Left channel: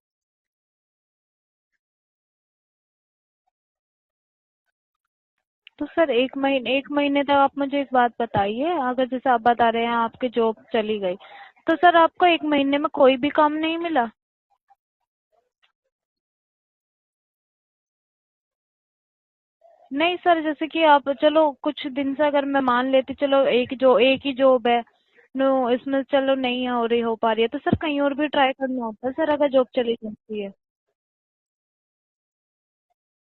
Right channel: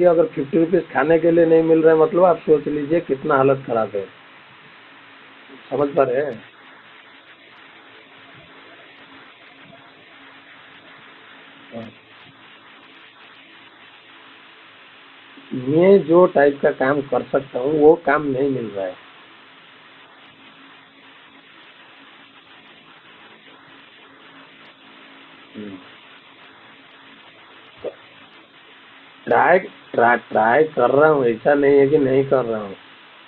देखिए अगर 50 रुपीज़ खाने के लिए नहीं मिल रहा है मतलब आप सोच लीजिए कितना हालत खराब है। समझ पा सर रहे हैं? एक महीने तक आप मुझे एक बात बताइए, अगर जैसे आप बता रहे हैं आपकी जॉब चली गई, तो सर आपको एक महीने में कोई भी काम नहीं मिला? मैं जो टाइप का काम कर सकता हूँ वो काम नहीं मिल रहा है। नहीं सर, जैसे कि आप चलो कुछ दिन से अगर मैं मान लेती, चलो एक ही जॉब है, नो इसमें चलो नहीं हो पा रही है, तो सर कहीं और भी ट्राई करना होता है सर, अगर ट्राई जॉब चली ट्राई जाती है। ट्राई कर रहा हूँ, ऐसा नहीं है कि नहीं कर रहा हूँ।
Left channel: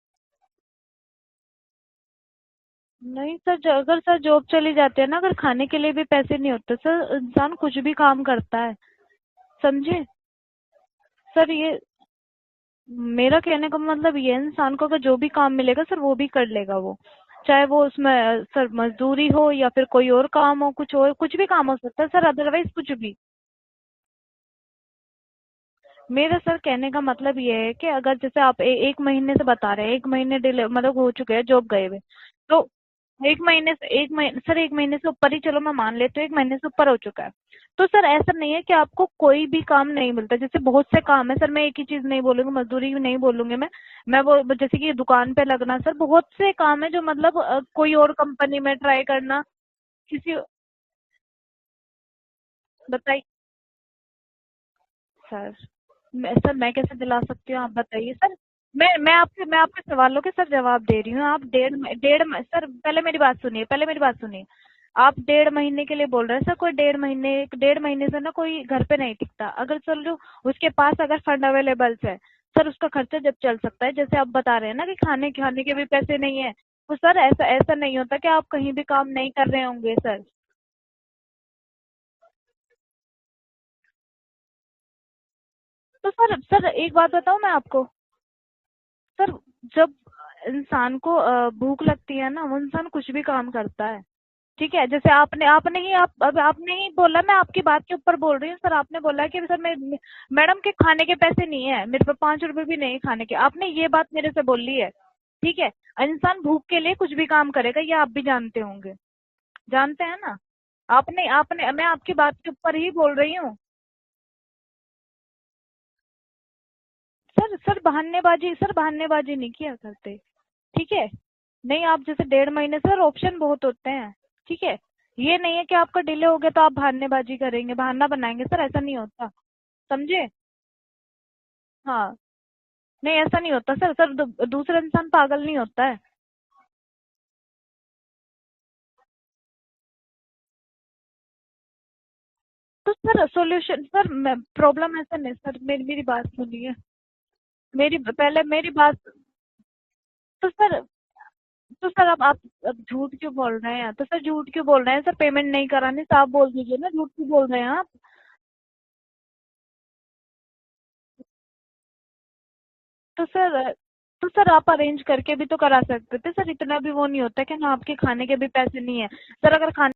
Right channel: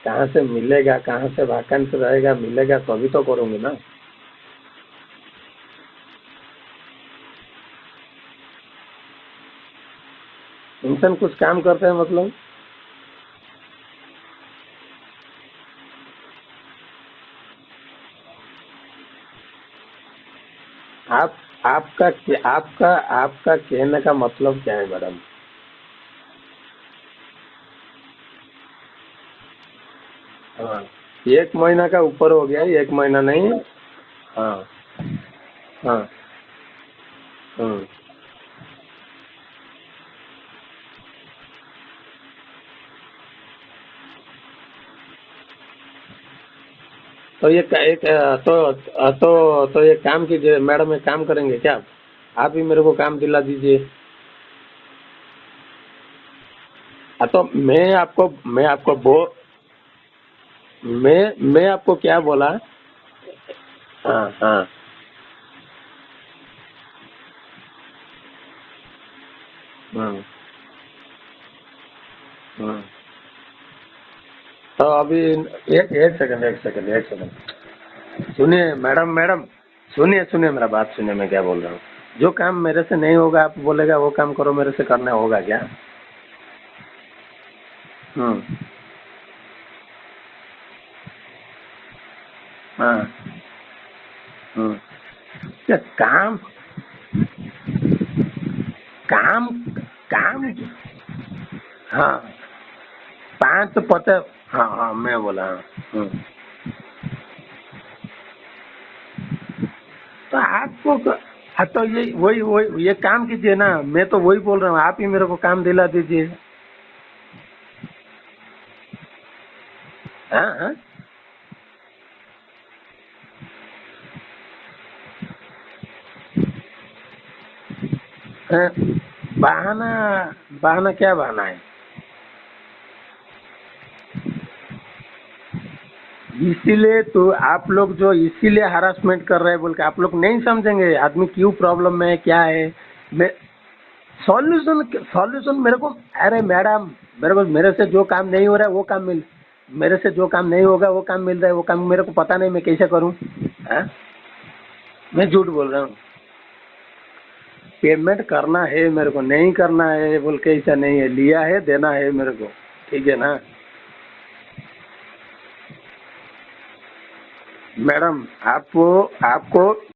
कहाँ से मिलेगा, कहाँ से वैकेंसी रहेगा, मिलेगा तभी तो नहीं करूँगी सर, ना। अगर सर जॉब चली जाती है ना, अगर खाने के लिए भी पैसे नहीं होते सर, इंसान कुछ भी काम करता है, समझे? इंसान कुछ सर काम ये करते हैं मतलब? मेरा कहने का मतलब ये है, इंसान को अगर जो भी काम मिलेगा सर वो भी कर लेगा वो, चाहे वो उसमें सर मजदूरी हो या फिर कोई और काम हो, कुछ और आप कुछ भी काम हो सकता है सर, अदरवाइज कुछ भी। आपका कहने का मतलब क्या है मैडम? मेरा सर कहने का मतलब ये है कि अगर जैसे आप एक महीने से बता रहे हैं, एक महीने डिले हाँ, मतलब हो चुके हैं एक जॉब गए महीना हुए, का ऊपर हो गया, तो एक महीना एक नहीं। महीने से हाँ सर एक महीने से ऊपर ही चलो मैं मान हाँ। लेती हूँ, एक महीने से ऊपर हो चुका है। हम्म। तो सर ऐसा नहीं है कि आपको कोई भी काम नहीं मिलता, जैसे बहुत से काम है सर, मैं एक ही चीज नहीं बोलूंगी, मजदूरी भी नहीं बोलूंगी मैं वो जैसे कि दुकान पे लगना, सर बहुत से काम है जो मतलब तो ये कोई और कंपनी में ट्राई करना, तो ये काम किसी। कीजिए मैडम, एक काम करेंगे क्या आप ही मेरे को काम बताइए दिला दीजिए। सर, सर मैं कैसे दिला हाँ, तो सकती हूँ, आप बताइए सर। मैं आपको बो मैं आपके सवालों के सर जवाब दे रही हूँ। आप मैं आपको क्या बोला? सर पहले मेरी बात सुनिए, हाँ हाँ। आप 1.5 महीने के लिए बोल रहे हैं सर, कोई 1.5 महीने से ना कोई घर पे नहीं टिकता, अगर सर लो हम्म उसके पास अगर फंड अवेलेबल है, सर हम्म। उसका खर्चा जब चल सकता है, जैसे आप बता रहे हैं तो ना कि अभी खाने के भी एक पैसे एक नहीं सेकंड, है, एक सेकंड, तो एक सर सेकंड। ऐसा ऐसा नहीं होता कि आप कहीं सुनिए भी मैडम, काम नहीं कर रहे होंगे सर। सुनिए मेरा बात सुनिए, मैं क्या बोल रहा हूँ। जो काम मेरे से नहीं होगा आप बोलेगा वो काम करो, मेरे से करना होगा क्या? तो सर एक बात बताऊँ मैं आपको, हम्म। सर जब इंसान को भूख लगती है ना, वो इंसान हाँ। कुछ भी काम करता है, ठीक हम्म। है? जैसे क्या काम? आपने ही बोला, मैं आपकी बात के ऊपर बोल रही हूँ सर, आपने बोला कि काम सर काम मैडम के खाने के पैसे नहीं है मेरे हाँ, पास, 5 रुपए भी नहीं है खाने के, आपने पाँच ये बात पता। मेरे से हाँ बोली है, हाँ, मैं बोला हाँ। ठीक है? हम्म। इंसान भूख के लिए कुछ भी काम करेगा, ये आप भी जानते होंगे, जानते हैं ना? तो आपको आपने आपने हाँ, तो मैं ये आपकी बात के ऊपर वही ही ये बोल काम रही हूँ। कीजिए ना, मैं तो वही बोल रहा हूँ, आप ही मेरे को काम दिला दीजिए। सर बहानेबाजी नहीं किया करते, हाँ हाँ। ठीक है? नहीं, आप जैसे 1.5 महीने सर ऑप्शन बहुत होते हैं, ठीक है? ये नहीं है कि आपका डिले हो गया तो आप बहानेबाजी करेंगे, बहाना बनाएंगे, सर हाँ, ऐसा नहीं होता, बहाना? समझे? बहाना क्या बहाना है? हाँ, नहीं ऐसा नहीं होता सर, दूसरा इंसान पागल नहीं होता है। इसीलिए तो आप लोग जो इसीलिए हरासमेंट कर रहे हैं बोल के आप लोग नहीं समझेंगे आदमी क्यों प्रॉब्लम में है, क्या है। तो sir solution sir, solution problem ऐसा नहीं, सॉल्यूशन मेरे को, मेरी बात अरे सुनिए, मैडम, मेरे से मेरी जो काम पहले नहीं हो रहा मेरी है वो बात। काम मिल मेरे से जो काम तो नहीं सर होगा वो काम मिल रहा है, वो काम तो मेरे सर को अब पता आप नहीं मैं कैसे झूठ करूँ। क्यों बोल रहे हाँ? हैं? तो सर झूठ क्यों बोल रहे हैं सर? मैं झूठ पेमेंट नहीं बोल रहा हूँ? करानी, साफ बोल दीजिए ना, झूठ क्यों बोल रहे हैं आप? पेमेंट करना है मेरे को, नहीं करना है बोल के ऐसा नहीं है, लिया है देना है मेरे को, ठीक है तो ना? सर तो सर आप अरेंज करके भी तो करा सकते थे सर, इतना भी वो नहीं होता कि ना आपके मैडम खाने के भी पैसे आपको नहीं है। सर आपको अगर खाने